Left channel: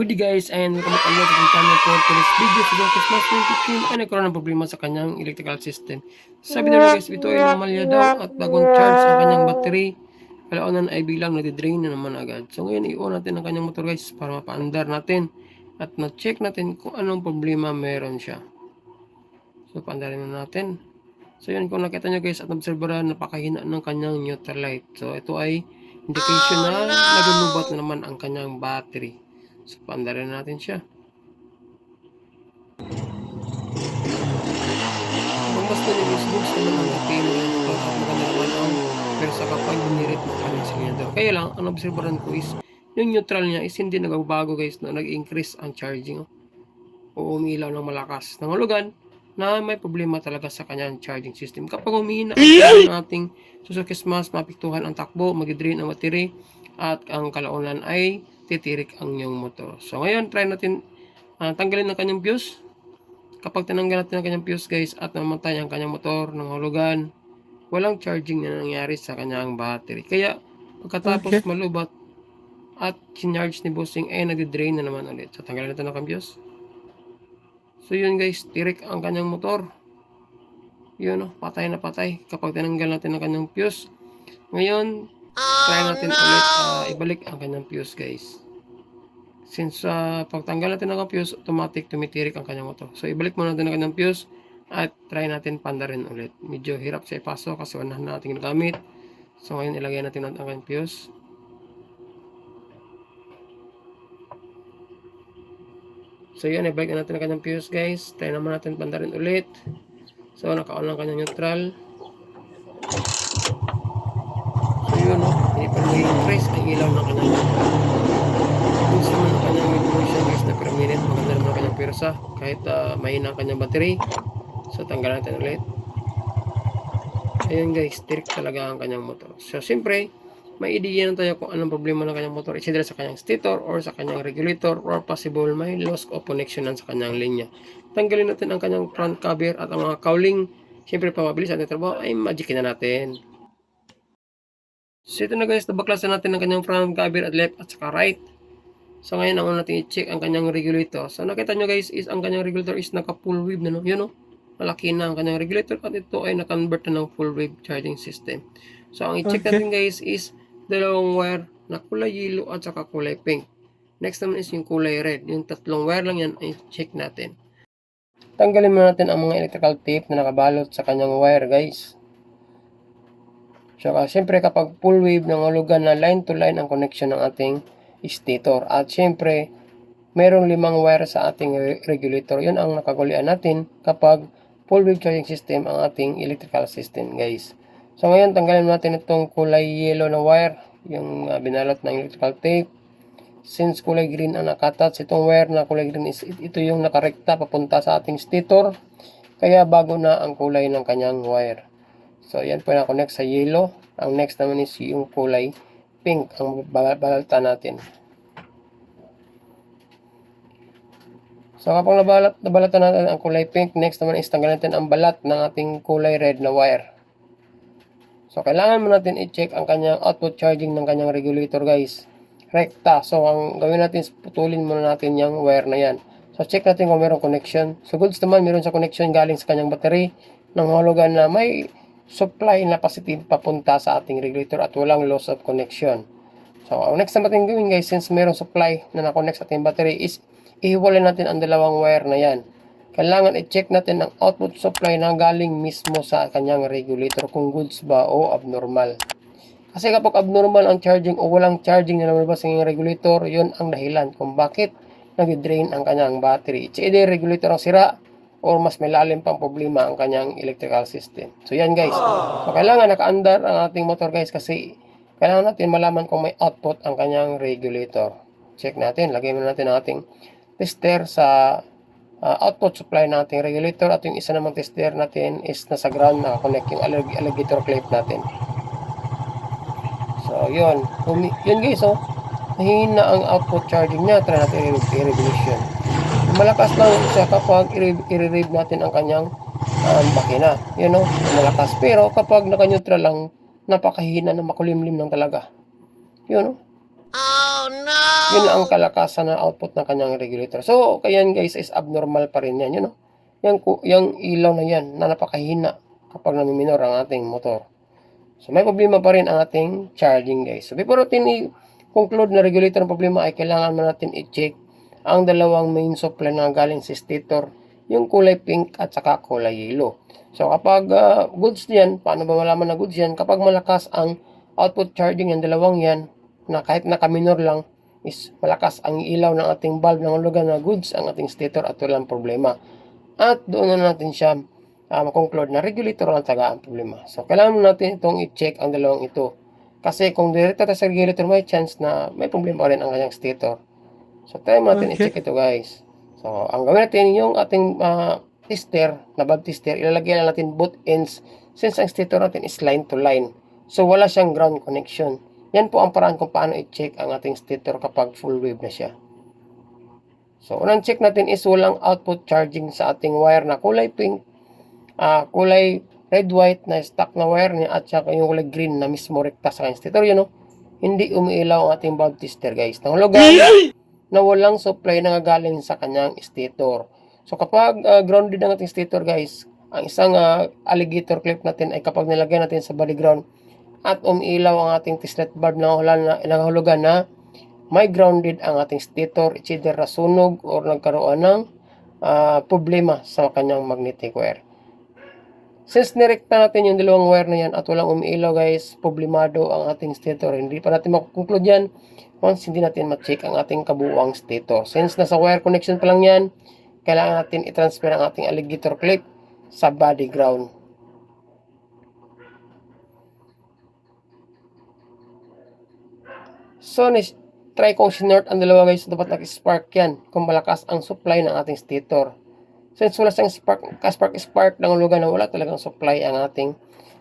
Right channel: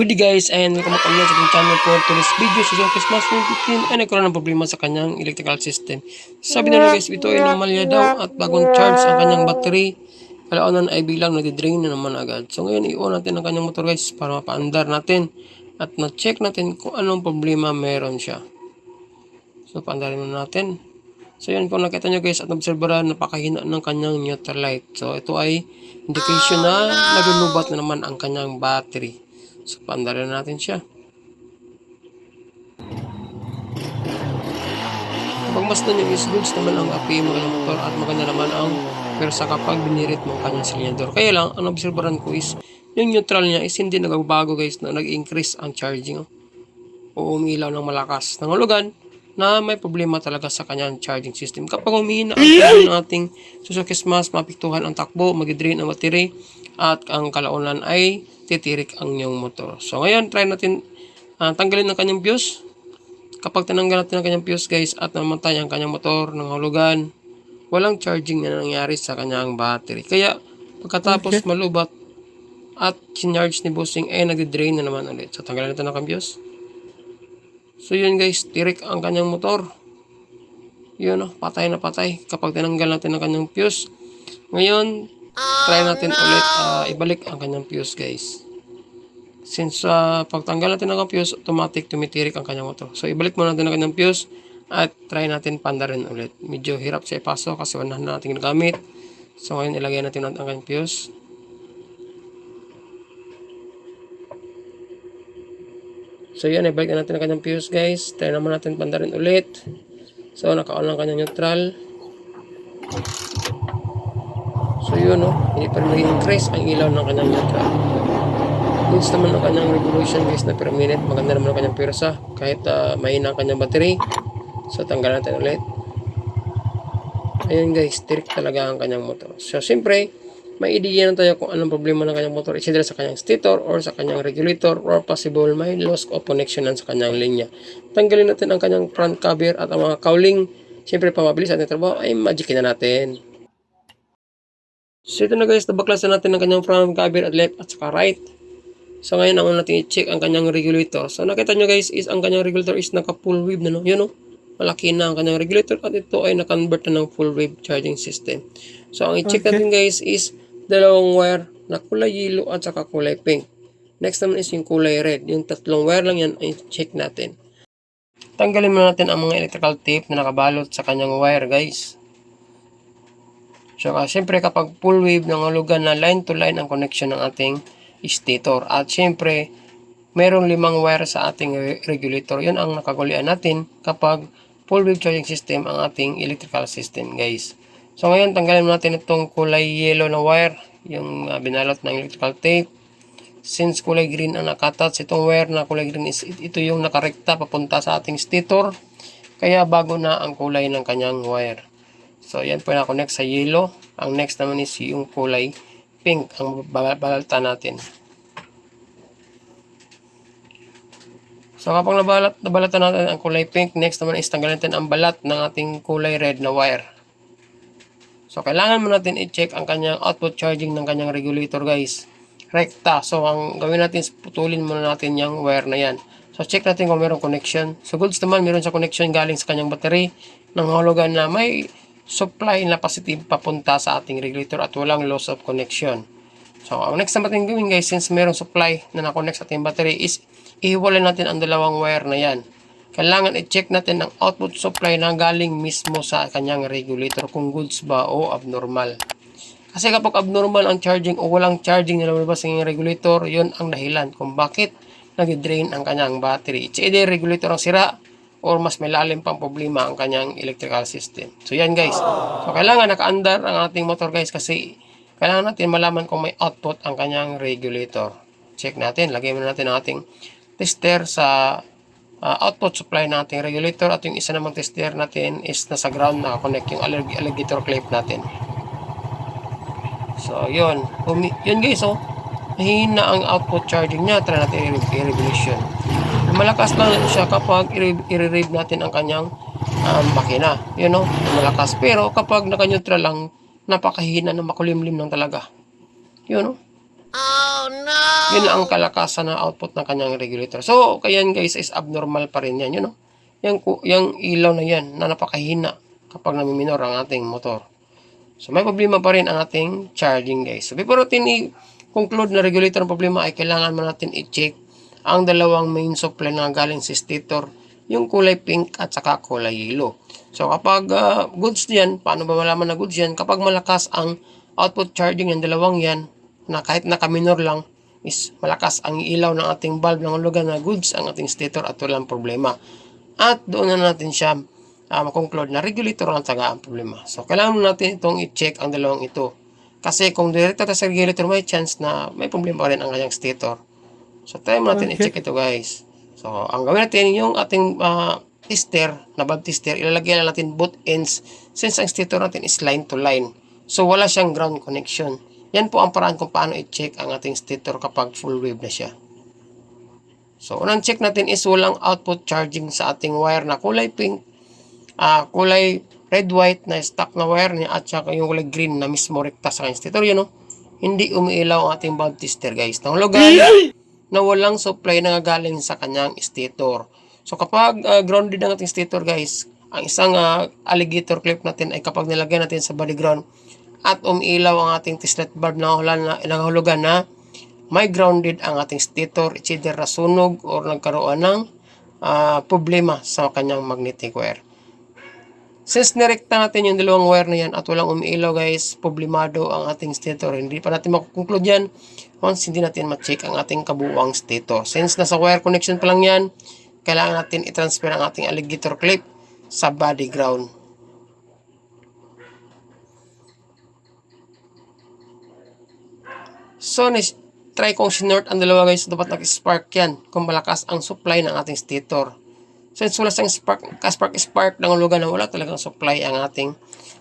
Good day guys and welcome back again sa ating channel for today's video sa Zocus Mas 15 ay nagkaroon ng problema sa kanyang electrical system. Sabi na guys ito ay anomalya daw at bagong charge ang kanyang battery. Kalaunan ay bilang nag-drain na naman agad. So ngayon i-on natin ang kanyang motor guys para mapaandar natin at na-check natin kung anong problema meron siya. So paandarin na natin. So yan kung nakita nyo guys at obserbaran napakahina ng kanyang neutral light. So ito ay indication na nagulubat na naman ang kanyang battery. So paandarin na natin siya. Pag mas na is goods naman ang api mo yung motor at maganda naman ang pero sa kapag binirit mo ang kanyang silinyador. Kaya lang, ang obserbaran ko is yung neutral niya is hindi nagbabago guys na nag-increase ang charging. oh. O umilaw ng malakas. Nangulugan na may problema talaga sa kanyang charging system. Kapag humihina ang charge ng ating Suzuki Smash, mapiktuhan ang takbo, mag-drain ang battery, at ang kalaunan ay titirik ang inyong motor. So ngayon, try natin ah, tanggalin ang kanyang fuse. Kapag tinanggal natin ang kanyang fuse guys at namatay ang kanyang motor ng hulugan, walang charging na nangyari sa kanyang battery. Kaya pagkatapos malubat at sinarge ni Bossing ay nag-drain na naman ulit. So tanggalin natin ang kanyang fuse. So yun guys, tirik ang kanyang motor. Yun oh, patay na patay kapag tinanggal natin ang kanyang fuse. Ngayon, try natin ulit ah, ibalik ang kanyang fuse guys. Since uh, pagtanggal natin ng fuse, automatic tumitirik ang kanyang motor. So ibalik muna natin ang kanyang fuse at try natin pandarin ulit. Medyo hirap siya ipasok kasi wala na natin ginagamit. So ngayon ilagay natin ang kanyang fuse. So yun, ibalik na natin ang kanyang fuse guys. Try naman natin pandarin ulit. So naka-on lang kanyang neutral. So yun no, nag-increase ang ilaw ng kanyang neutral. Goods naman ang kanyang revolution guys na per minute. Maganda naman ang kanyang pirsa. Kahit uh, mahina ang kanyang battery. So tanggalan natin ulit. Ayun guys, tirik talaga ang kanyang motor. So siyempre, may idea na tayo kung anong problema ng kanyang motor. Either sa kanyang stator or sa kanyang regulator or possible may loss of connection sa kanyang linya. Tanggalin natin ang kanyang front cover at ang mga cowling. Siyempre, pamabilis ating trabaho ay magicin na natin. So ito na guys, nabaklasan natin ang kanyang front cover at left at saka right. So ngayon, ang una natin i-check ang kanyang regulator. So nakita nyo guys, is ang kanyang regulator is naka full wave na no. Yun no. Malaki na ang kanyang regulator at ito ay na-convert na ng full wave charging system. So ang i-check natin guys is dalawang wire na kulay yellow at saka kulay pink. Next naman is yung kulay red. Yung tatlong wire lang yan ay check natin. Tanggalin muna natin ang mga electrical tape na nakabalot sa kanyang wire guys. Saka syempre kapag full wave ng hulugan na line to line ang connection ng ating stator. At syempre mayroong limang wire sa ating re- regulator. Yun ang nakagulian natin kapag full wave charging system ang ating electrical system guys. So ngayon tanggalin natin itong kulay yellow na wire, yung uh, binalot ng electrical tape. Since kulay green ang nakatouch, itong wire na kulay green is ito yung nakarekta papunta sa ating stator. Kaya bago na ang kulay ng kanyang wire. So yan po na-connect sa yellow. Ang next naman is yung kulay pink ang babalta natin. So kapag nabalat, nabalatan natin ang kulay pink, next naman is tanggalin natin ang balat ng ating kulay red na wire. So kailangan mo natin i-check ang kanyang output charging ng kanyang regulator guys. Rekta. So ang gawin natin is putulin muna natin yung wire na yan. So check natin kung mayroong connection. So goods naman meron sa connection galing sa kanyang battery ng hulugan na may supply na positive papunta sa ating regulator at walang loss of connection. So ang next na natin gawin guys since mayroong supply na na-connect sa ating battery is ihiwalay natin ang dalawang wire na yan. Kailangan i-check natin ang output supply na galing mismo sa kanyang regulator kung goods ba o abnormal. Kasi kapag abnormal ang charging o walang charging na lumabas ng regulator, yon ang dahilan kung bakit nag-drain ang kanyang battery. It's either regulator ang sira or mas may lalim pang problema ang kanyang electrical system. So yan guys. So, kailangan naka-under ang ating motor guys kasi kailangan natin malaman kung may output ang kanyang regulator. Check natin. Lagay muna natin ang ating tester sa uh, output supply ng ating regulator at yung isa namang tester natin is nasa ground na connect yung allig- alligator clip natin. So, yun. Yun guys, oh. Mahina ang output charging niya. Try natin i-regulation. Malakas lang siya kapag i-rev natin ang kanyang um, makina. Yun, oh. Malakas. Pero kapag naka-neutral lang, napakahina na makulimlim lang talaga. Yun, oh. Yun ang kalakasan na output ng kanyang regulator. So, kaya guys is abnormal pa rin yan, you know? Yung, yung ilaw na yan na napakahina kapag namiminor ang ating motor. So, may problema pa rin ang ating charging guys. So, before natin i-conclude na regulator ng problema ay kailangan man natin i-check ang dalawang main supply na galing sa stator, yung kulay pink at saka kulay yellow. So, kapag ah, goods yan, paano ba malaman na goods yan? Kapag malakas ang output charging ng dalawang yan, na kahit naka-minor lang, is malakas ang ilaw ng ating bulb ng lugar na goods ang ating stator at walang problema. At doon na natin siya uh, makonclude na regulator ang taga ang problema. So, kailangan natin itong i-check ang dalawang ito. Kasi kung direkta sa regulator, may chance na may problema rin ang kanyang stator. So, try natin Okay. i-check ito guys. So, ang gawin natin yung ating ah, tester, na bulb tester, ilalagay lang natin both ends since ang stator natin is line to line. So, wala siyang ground connection. Yan po ang paraan kung paano i-check ang ating stator kapag full wave na siya. So, unang check natin is walang output charging sa ating wire na kulay pink, ah, kulay red-white na stock na wire niya at saka yung kulay green na mismo rekta sa kanyang stator. Yun, know? Hindi umiilaw ang ating bulb tester, guys. Nang lugar na walang supply na galing sa kanyang stator. So, kapag ah, grounded ang ating stator, guys, ang isang ah, alligator clip natin ay kapag nilagay natin sa body ground at umiilaw ang ating tislet bulb na nangahulugan na may grounded ang ating stator, it's either nasunog or nagkaroon ng ah, problema sa kanyang magnetic wire. Since nirekta natin yung dalawang wire na yan at walang umiilaw guys, problemado ang ating stator. Hindi pa natin makukonclude yan once hindi natin ma-check ang ating kabuuang stator. Since nasa wire connection pa lang yan, kailangan natin i-transfer ang ating alligator clip sa body ground. So, try kong sinort ang dalawa guys, dapat nag-spark yan kung malakas ang supply ng ating stator. Since wala siyang spark, ka-spark spark ng lugar na wala talagang supply ang ating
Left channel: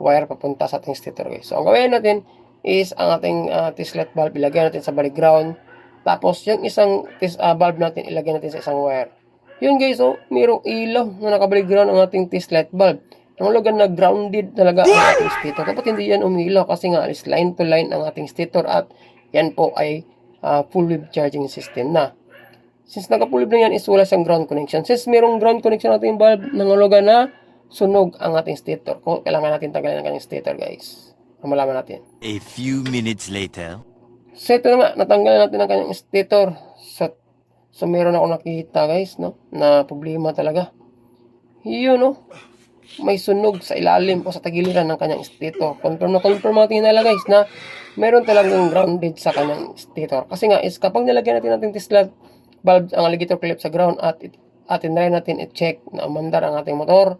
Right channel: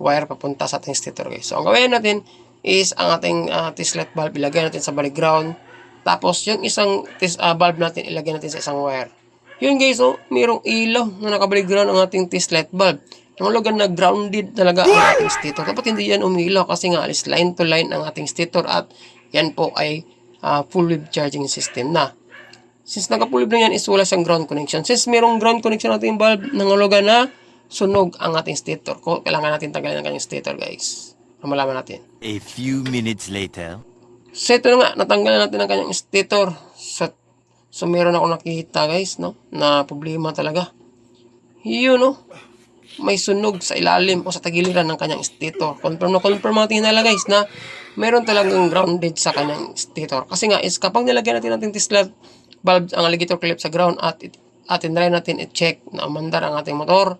wire papunta sa ating stator guys. So, ang gawin natin is ang ating uh, tislet bulb ilagay natin sa balik ground. Tapos, yung isang tis, ah, bulb natin ilagay natin sa isang wire. Yun guys, oh, mayroong ilaw na nakabalik ground ang ating tislet bulb. Ang lugar na grounded talaga ang ating stator. Dapat hindi yan umilaw kasi nga is line to line ang ating stator at yan po ay ah, full wave charging system na. Since naka-full na yan is wala siyang ground connection. Since mayroong ground connection natin yung bulb, nangulugan na sunog ang ating stator. Kailangan natin tanggalin ang kanyang stator guys. Malaman natin. A few minutes later. So ito na nga, natanggalan natin ang kanyang stator. So, so meron ako nakita guys, no? Na problema talaga. Yun, no? May sunog sa ilalim o sa tagiliran ng kanyang stator. Confirm na confirm natin nila guys na meron talagang grounded sa kanyang stator. Kasi nga is kapag nilagyan natin natin Tesla bulb ang alligator clip sa ground at it, at tinry natin i-check na umandar ang ating motor.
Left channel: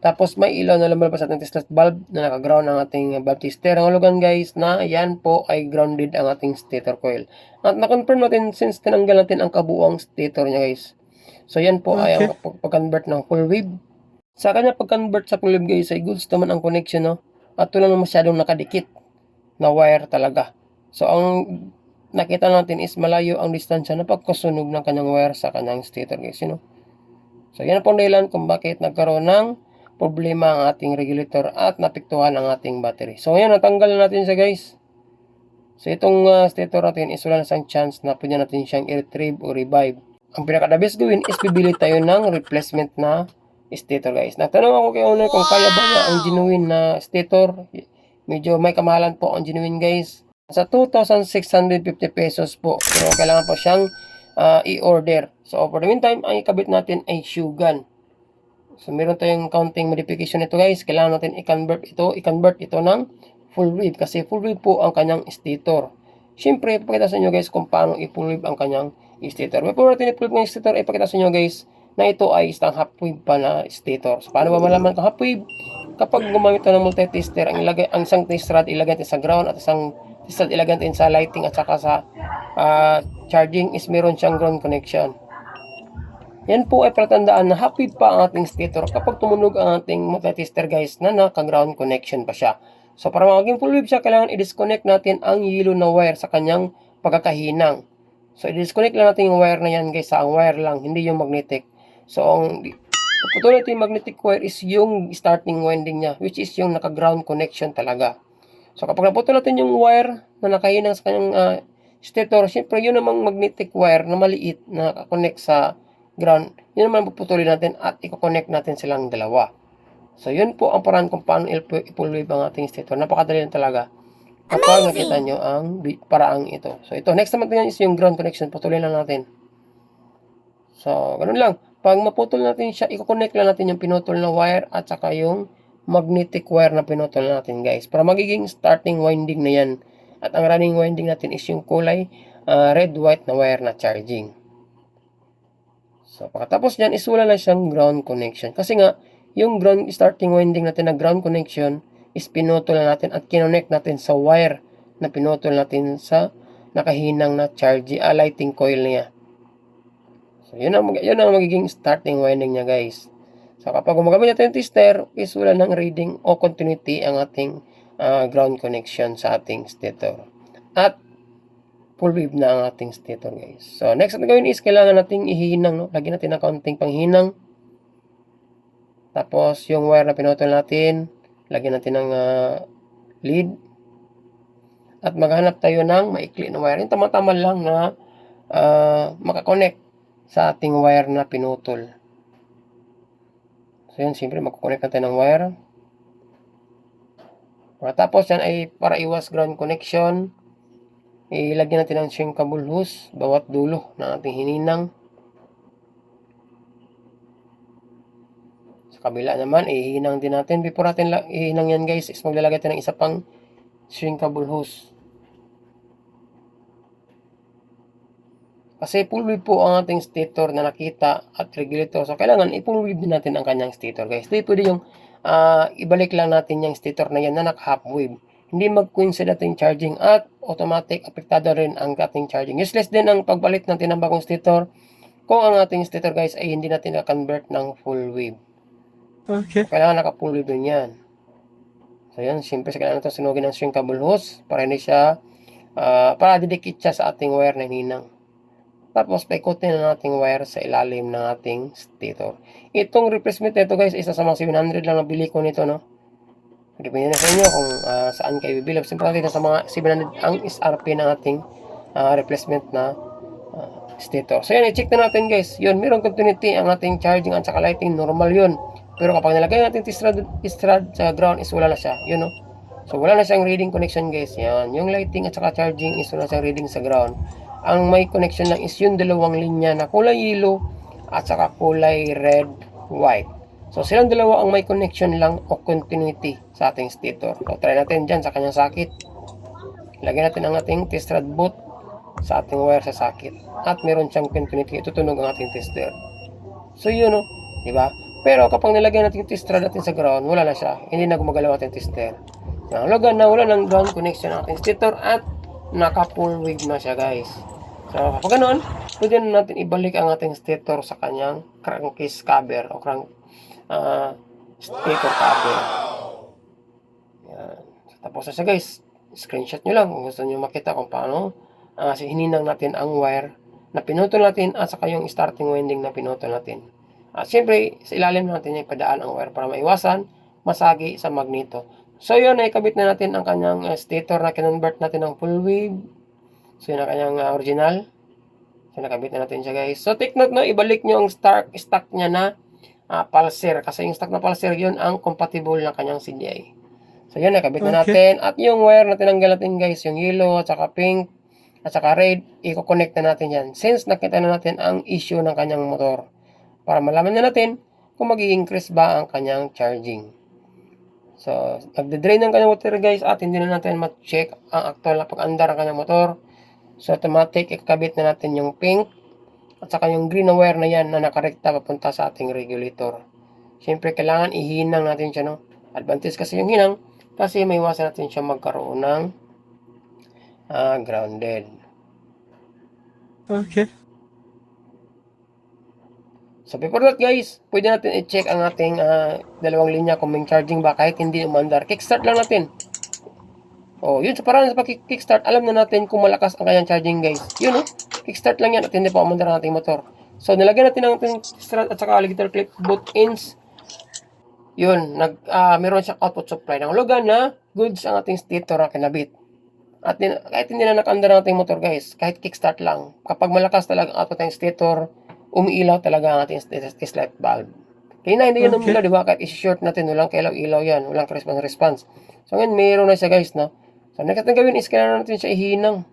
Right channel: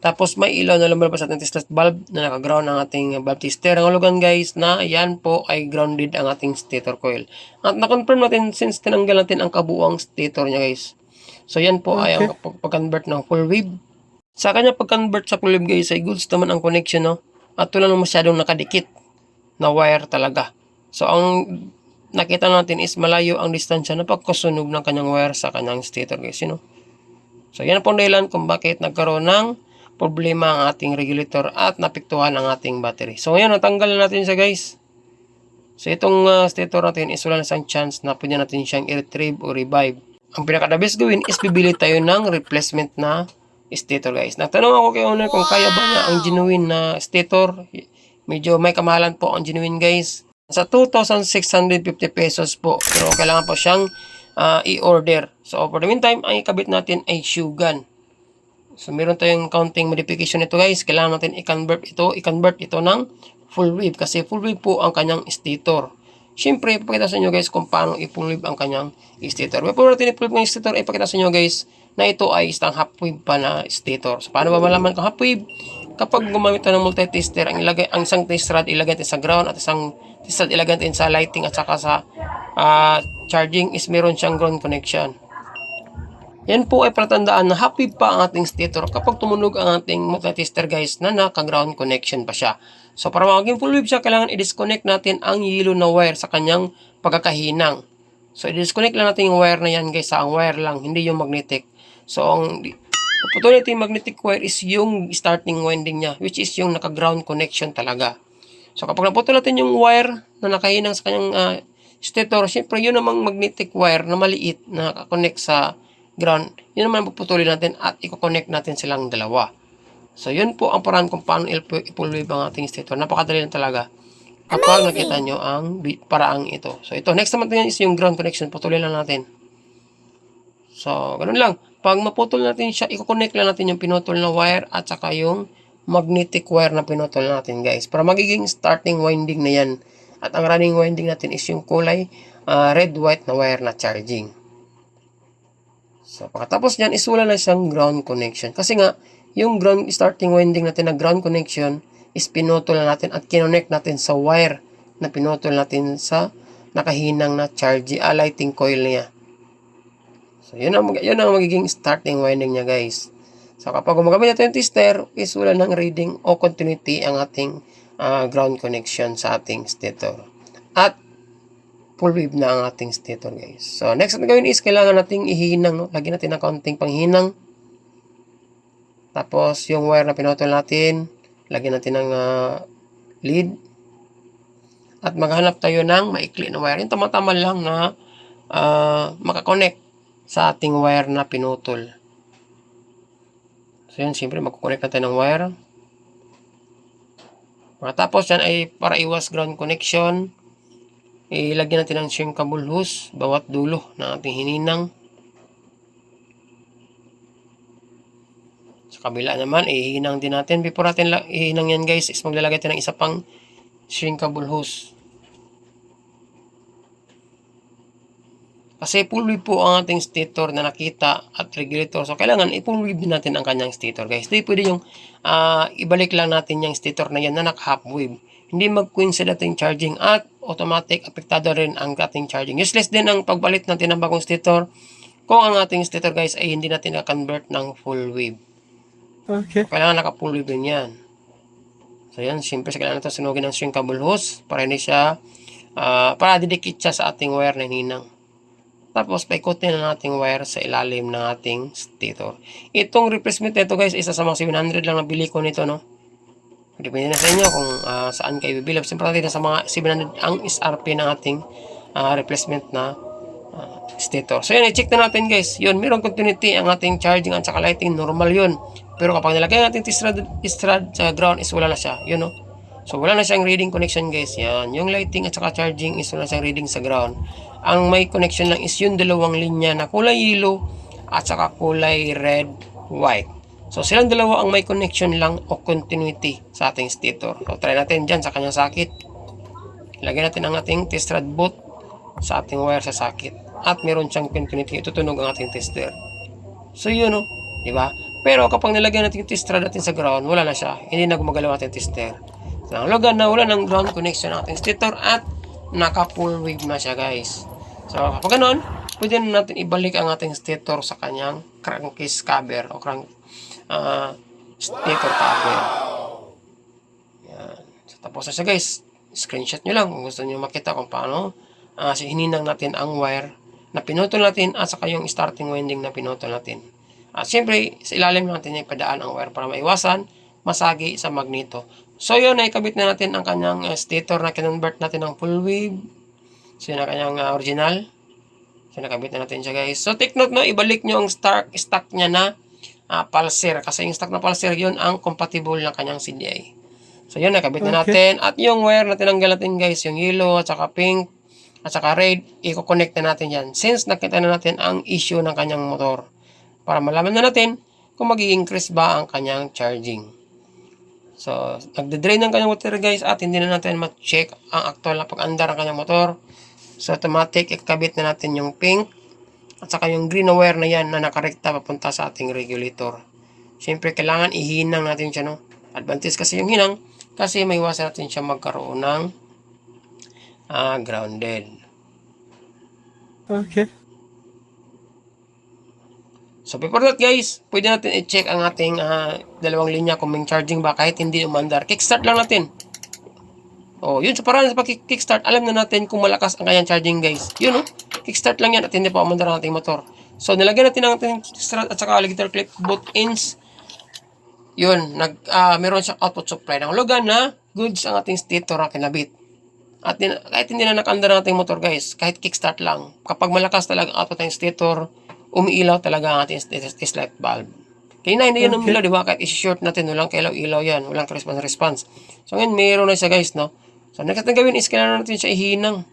Tapos may ilaw na lumalabas sa ating Tesla bulb na naka-ground ang ating bulb tester. Ang hulugan guys na yan po ay grounded ang ating stator coil. At na-confirm natin since tinanggal natin ang kabuuang stator niya guys. So yan po ay ang pag- pag-convert ng full wave. Sa kanya pag-convert sa full wave guys ay goods naman ang connection no. At wala naman masyadong nakadikit na wire talaga. So ang nakita natin is malayo ang distansya na pagkasunog ng kanyang wire sa kanyang stator guys, you know. So yan po ang dahilan kung bakit nagkaroon ng problema ang ating regulator at napiktuhan ang ating battery. So ngayon natanggal na natin siya guys. So itong uh, stator natin is wala na siyang chance na pwede natin siyang i-retrieve o revive. Ang pinaka-the best gawin is bibili tayo ng replacement na stator guys. Nagtanong ako kay owner kung kaya ba niya ang genuine na stator. Medyo may kamahalan po ang genuine guys. Sa 2,650 pesos po. Pero kailangan po siyang ah, i-order. So for the meantime, ang ikabit natin ay shoe gun. So meron tayong counting modification nito guys. Kailangan natin i-convert ito, i-convert ito ng full wave kasi full wave po ang kanyang stator. Siyempre, ipakita sa inyo guys kung paano i-full wave ang kanyang stator. Before natin i-full wave ng stator, ipakita sa inyo guys na ito ay isang half wave pa na stator. So paano ba malaman kung half wave? Kapag gumamit ng multi-tester, ang ilagay ang isang test rod ilagay natin sa ground at isang test rod ilagay natin sa lighting at saka sa ah, charging is meron siyang ground connection. Yan po ay palatandaan na happy pa ang ating stator kapag tumunog ang ating multi-tester guys na naka-ground connection pa siya. So para maging full wave siya, kailangan i-disconnect natin ang yellow na wire sa kanyang pagkakahinang. So i-disconnect lang natin yung wire na yan guys, sa ang wire lang, hindi yung magnetic. So ang puputulin magnetic wire is yung starting winding niya, which is yung naka-ground connection talaga. So kapag naputol natin yung wire na nakahinang sa kanyang ah, stator, syempre yun namang magnetic wire na maliit na connect sa ground, yun naman puputulin natin at i-connect natin silang dalawa. So, yun po ang paraan kung paano i-full wave ang ating stator. Napakadali lang talaga. Kapag nakita nyo ang paraang ito. So, ito. Next naman yan is yung ground connection. Putulin lang natin. So, ganun lang. Pag maputol natin siya, i-connect lang natin yung pinutol na wire at saka yung magnetic wire na pinutol natin, guys. Para magiging starting winding na yan. At ang running winding natin is yung kulay ah, red-white na wire na charging. So, pagkatapos niyan, is wala na siyang ground connection. Kasi nga, yung ground starting winding natin na ground connection is pinutol na natin at kinonect natin sa wire na pinutol natin sa nakahinang na charging, ah, lighting coil niya. So, yun ang, yun ang magiging starting winding niya, guys. So, kapag gumagamit natin yung tester, is wala ng reading o continuity ang ating ah, ground connection sa ating stator. At full wave na ang ating stator, guys. So, next na gawin is kailangan nating ihinang, no? Lagyan natin ng kaunting panghinang. Tapos, yung wire na pinutol natin, lagyan natin ng ah, lead. At maghanap tayo ng maikli na wire. Yung tama-tama lang na ah, makakonect sa ating wire na pinutol. So, yun, siyempre, magkoconnect natin ng wire. Pagkatapos yan ay para iwas ground connection, ilagyan natin ng shrinkable hose bawat dulo ng ating hininang. Sa kabila naman, ihinang din natin. Before natin ihinang yan guys, is maglalagay tayo ng isa pang shrinkable hose. Kasi full po ang ating stator na nakita at regulator. So, kailangan i-full wave din natin ang kanyang stator, guys. Hindi pwede yung ah, ibalik lang natin yung stator na yan na naka-half wave. Hindi mag-coincide ating charging at automatic apektado rin ang ating charging. Useless din ang pagbalit natin ng bagong stator kung ang ating stator, guys, ay hindi natin na-convert ng full wave. Okay. Kailangan naka-full wave din yan. So, yan. Siyempre, kailangan ito sunugin ng shrinkable hose para hindi siya, ah, para didikit siya sa ating wire na hinang. Tapos, paikutin na nating wire sa ilalim ng ating stator. Itong replacement nito guys, isa sa mga 700 lang nabili ko nito, no? Depende na sa inyo kung ah, saan kayo bibili. Siyempre natin sa mga 700 ang SRP ng ating ah, replacement na ah, stator. So yan, i-check na natin guys. Yun, mayroong continuity ang ating charging at saka lighting. Normal yun. Pero kapag nilagay natin strad, strad sa ground is wala na siya. Yun, no? So, wala na siyang reading connection guys. Yan. Yung lighting at saka charging is wala siyang reading sa ground. Ang may connection lang is yung dalawang linya na kulay yellow at saka kulay red, white. So, silang dalawa ang may connection lang o continuity sa ating stator. So, try natin dyan sa kanyang sakit. Lagyan natin ang ating test rod boot sa ating wire sa sakit. At meron siyang continuity. Tutunog ang ating tester. So, yun o. Di ba? Pero kapag nilagyan natin yung test rod natin sa ground, wala na siya. Hindi na gumagalaw ating tester. So, ang logan na wala ng ground connection ang ating stator at naka full wave na siya guys. So, kapag ganun, pwede na natin ibalik ang ating stator sa kanyang crankcase cover o crank stator cover. Yan. So, tapos na siya guys. Screenshot nyo lang kung gusto nyo makita kung paano ah, hininang natin ang wire na pinutol natin at saka yung starting winding na pinutol natin. At siyempre, sa ilalim natin yung padaan ang wire para maiwasan masagi sa magneto. So yun, naikabit na natin ang kanyang uh, stator na kinonvert natin ng full wave. So yun ang kanyang uh, original. So nakabit na natin siya guys. So take note no, ibalik nyo ang stock, stock niya na uh, pulser. Kasi yung stock na pulser yun ang compatible ng kanyang CDI. So yun, nakabit na natin. At yung wire na tinanggal natin guys, yung yellow at saka pink at saka red, i-connect na natin yan. Since nakita na natin ang issue ng kanyang motor. Para malaman na natin kung mag-increase ba ang kanyang charging. So, nagde-drain ng kanyang water guys at hindi na natin ma-check ang actual na pag-andar ng kanyang motor. So, automatic, ikabit na natin yung pink at saka yung green wire na yan na nakarekta papunta sa ating regulator. Siyempre, kailangan ihinang natin siya, no? Advantage kasi yung hinang kasi may iwasan natin siya magkaroon ng ah, grounded. Okay. So before that guys, pwede natin i-check ang ating ah, dalawang linya kung may charging ba kahit hindi umandar. Kickstart lang natin. Oh, yun sa paraan sa pag-kickstart, alam na natin kung malakas ang kanyang charging guys. Yun oh, kickstart lang yan at hindi pa umandar ang ating motor. So nilagyan natin ang ating strut at saka alligator clip both ends. Yun, nag, ah, meron siyang output supply ng logan na goods ang ating stator na kinabit. At din- kahit hindi na nakaandar ang ating motor guys, kahit kickstart lang, kapag malakas talaga ang output ng stator, umiilaw talaga ang ating light bulb. Kaya na hindi yun umilaw, di ba? Kahit isi-short natin, walang kailaw-ilaw yan, walang response-response. So ngayon, mayroon na siya guys, no? So next natin gawin is kailangan natin siya ihinang.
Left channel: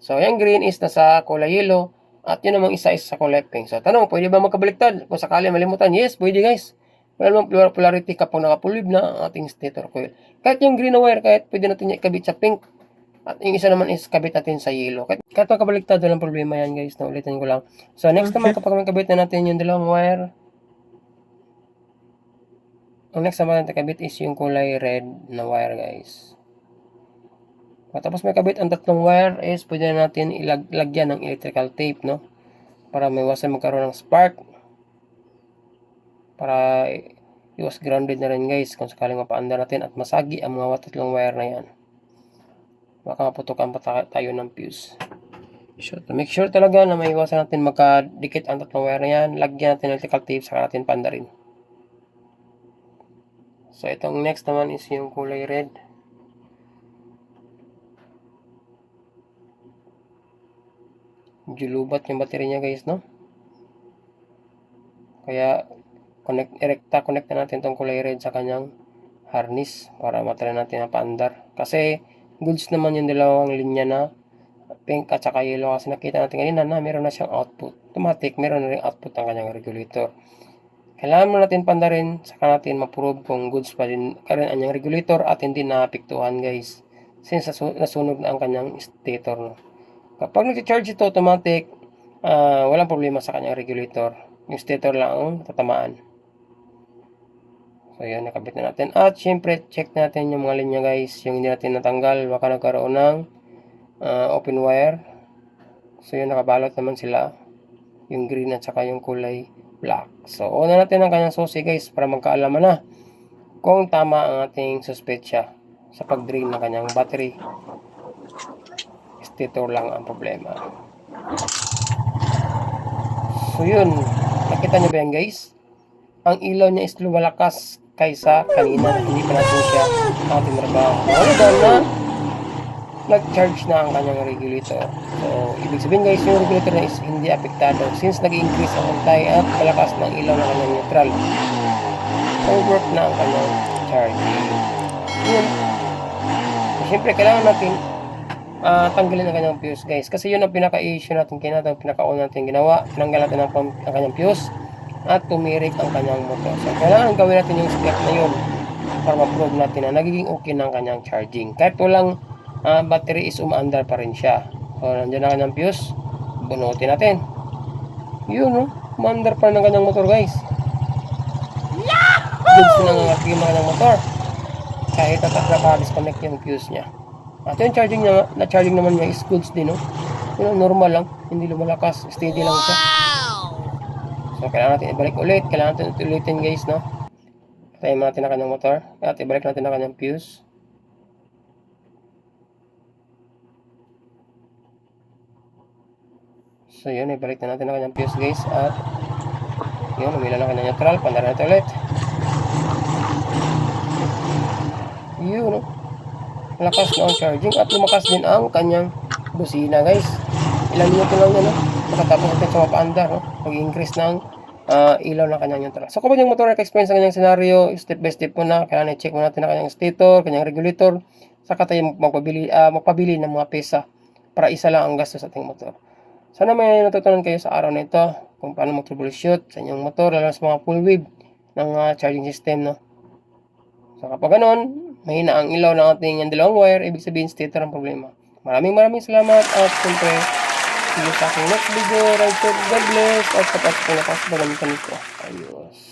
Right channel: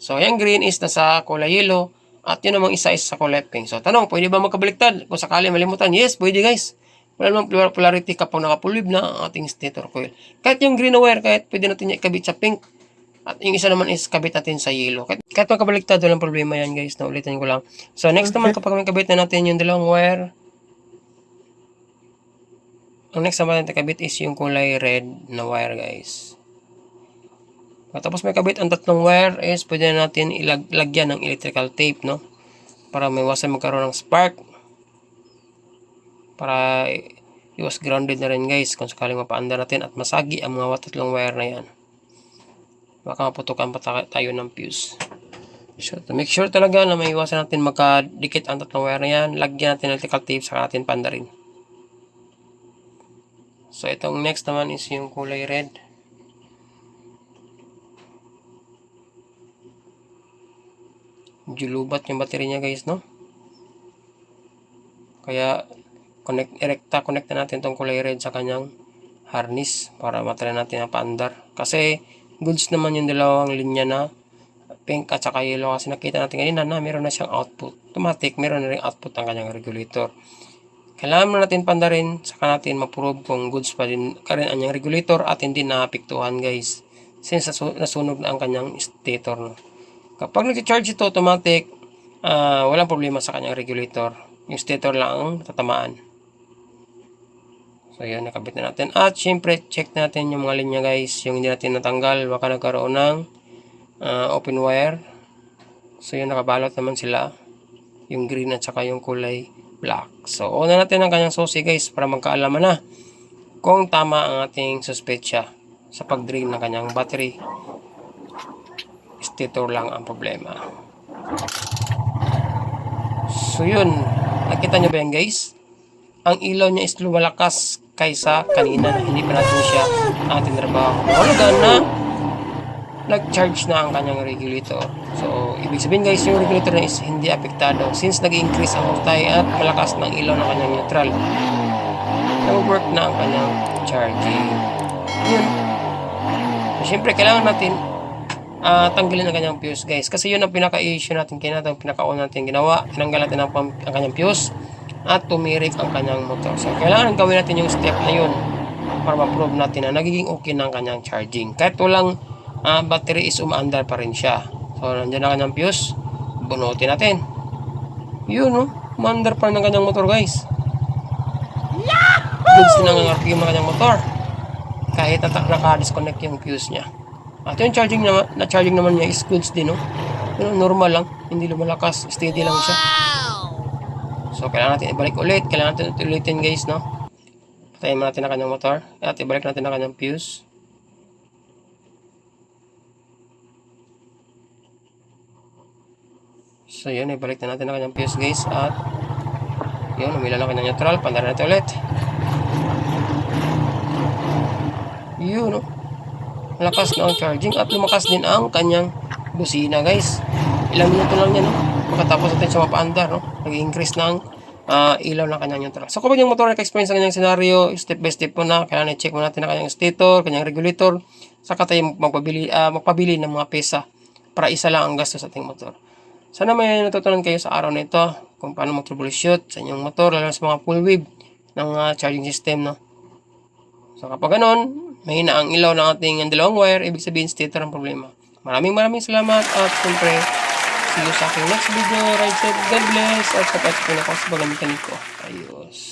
So yung green is nasa kulay yellow, at yun namang isa is sa kulay pink. So tanong, pwede ba magkabaliktad? Kung sakali malimutan, yes, pwede guys. Wala namang polar- polarity kapag nakapulib na ang ating stator coil. Kahit yung green na wire, kahit pwede natin ikabit sa pink. At yung isa naman is kabit natin sa yellow. Kahit, kahit magkabaliktad, walang problema yan guys. Na ulitin ko lang. So next naman kapag may kabit na natin yung dalawang wire, ang next naman natin kabit is yung kulay red na wire guys. At tapos may kabit ang tatlong wire is pwede na natin ilagyan ng electrical tape no? Para may iwasan magkaroon ng spark. Para iwas grounded na rin guys kung sakaling mapaanda natin at masagi ang mga tatlong wire na yan. Baka maputukan pa ta- tayo ng fuse. So to make sure talaga na may iwasan natin magkadikit ang tatlong wire na yan lagyan natin electrical tape saka natin panda rin so itong next naman is yung kulay red medyo lubat yung battery niya guys no? Kaya connect erekta connect na natin tong kulay red sa kanyang harness para matry natin ang paandar. Kasi goods naman yung dalawang linya na pink at saka yellow. Kasi nakita natin kanina na meron na siyang output. Automatic meron na rin output ang kanyang regulator. Kailangan mo natin pandarin saka natin ma-prove kung goods pa din ka rin ang regulator at hindi naapektuhan guys. Since nasu- nasunog na ang kanyang stator no. Kapag nag-charge ito automatic, ah, walang problema sa kanyang regulator. Yung stator lang ang tatamaan. So yun, nakabit na natin. At syempre, check natin yung mga linya guys. Yung hindi natin natanggal, baka nagkaroon ng ah, open wire. So yun, nakabalot naman sila. Yung green at saka yung kulay black. So, una natin ang kanyang susi guys para magkaalaman na kung tama ang ating suspetsya sa pag-drain ng kanyang battery stator lang ang problema. So yun, nakita nyo ba yan guys? Ang ilaw niya is lumalakas kaysa kanina. Hindi pa natin siya ating trabaho. Daw na nag-charge na ang kanyang regulator. So, ibig sabihin guys, yung regulator na is hindi apektado since nag-increase ang voltage at malakas ng ilaw ng kanyang neutral. Nag-work na ang kanyang charging. Yun. Siyempre, kailangan natin ah tanggalin ang kanyang fuse guys. Kasi yun ang pinaka-issue natin kinata, pinaka-una natin ginawa. Tinanggal natin ang, ang kanyang fuse at tumirik ang kanyang motor. So, kailangan gawin natin yung step na yun para ma-prove natin na nagiging okay ang kanyang charging. Kahit walang ah, battery is umaandar pa rin siya. So, nandiyan ang kanyang fuse. Bunutin natin. Yun, no? Umaandar pa rin ang kanyang motor, guys. Goods na ng RPM ng kanyang motor. Kahit naka-disconnect yung fuse niya. At yung charging naman, na charging naman niya is goods din, no? Pero normal lang, hindi lumalakas, steady lang siya. So, kailangan natin ibalik ulit. Kailangan natin ulitin, guys, no? Patayin mo natin ang kanyang motor. At ibalik natin ang kanyang fuse. So, yun, ibalik na natin ang kanyang fuse, guys. At, yun, umila lang kanyang neutral. Pandara natin ulit. Yun, no? Malakas na ang charging at lumakas din ang kanyang busina guys. Ilang minuto lang yan no? Pagkatapos natin siya mapaandar no? Nag-increase ng ah, ilaw ng kanyang neutral. So kapag yung motor nag-explain sa kanyang scenario, step by step po na, kailangan i-check mo natin ang kanyang stator, kanyang regulator, saka tayo magpabili, ah, magpabili ng mga pesa para isa lang ang gastos sa ating motor. Sana may natutunan kayo sa araw na ito kung paano mag-troubleshoot sa inyong motor, lalo sa mga full wave ng ah, charging system no. So kapag ganun, mahina ang ilaw ng ating dalawang wire, ibig sabihin stator ang problema. Maraming maraming salamat at siyempre, see sa aking next video. Right, God bless at kapag po nakas, bagamitan ko. Ayos.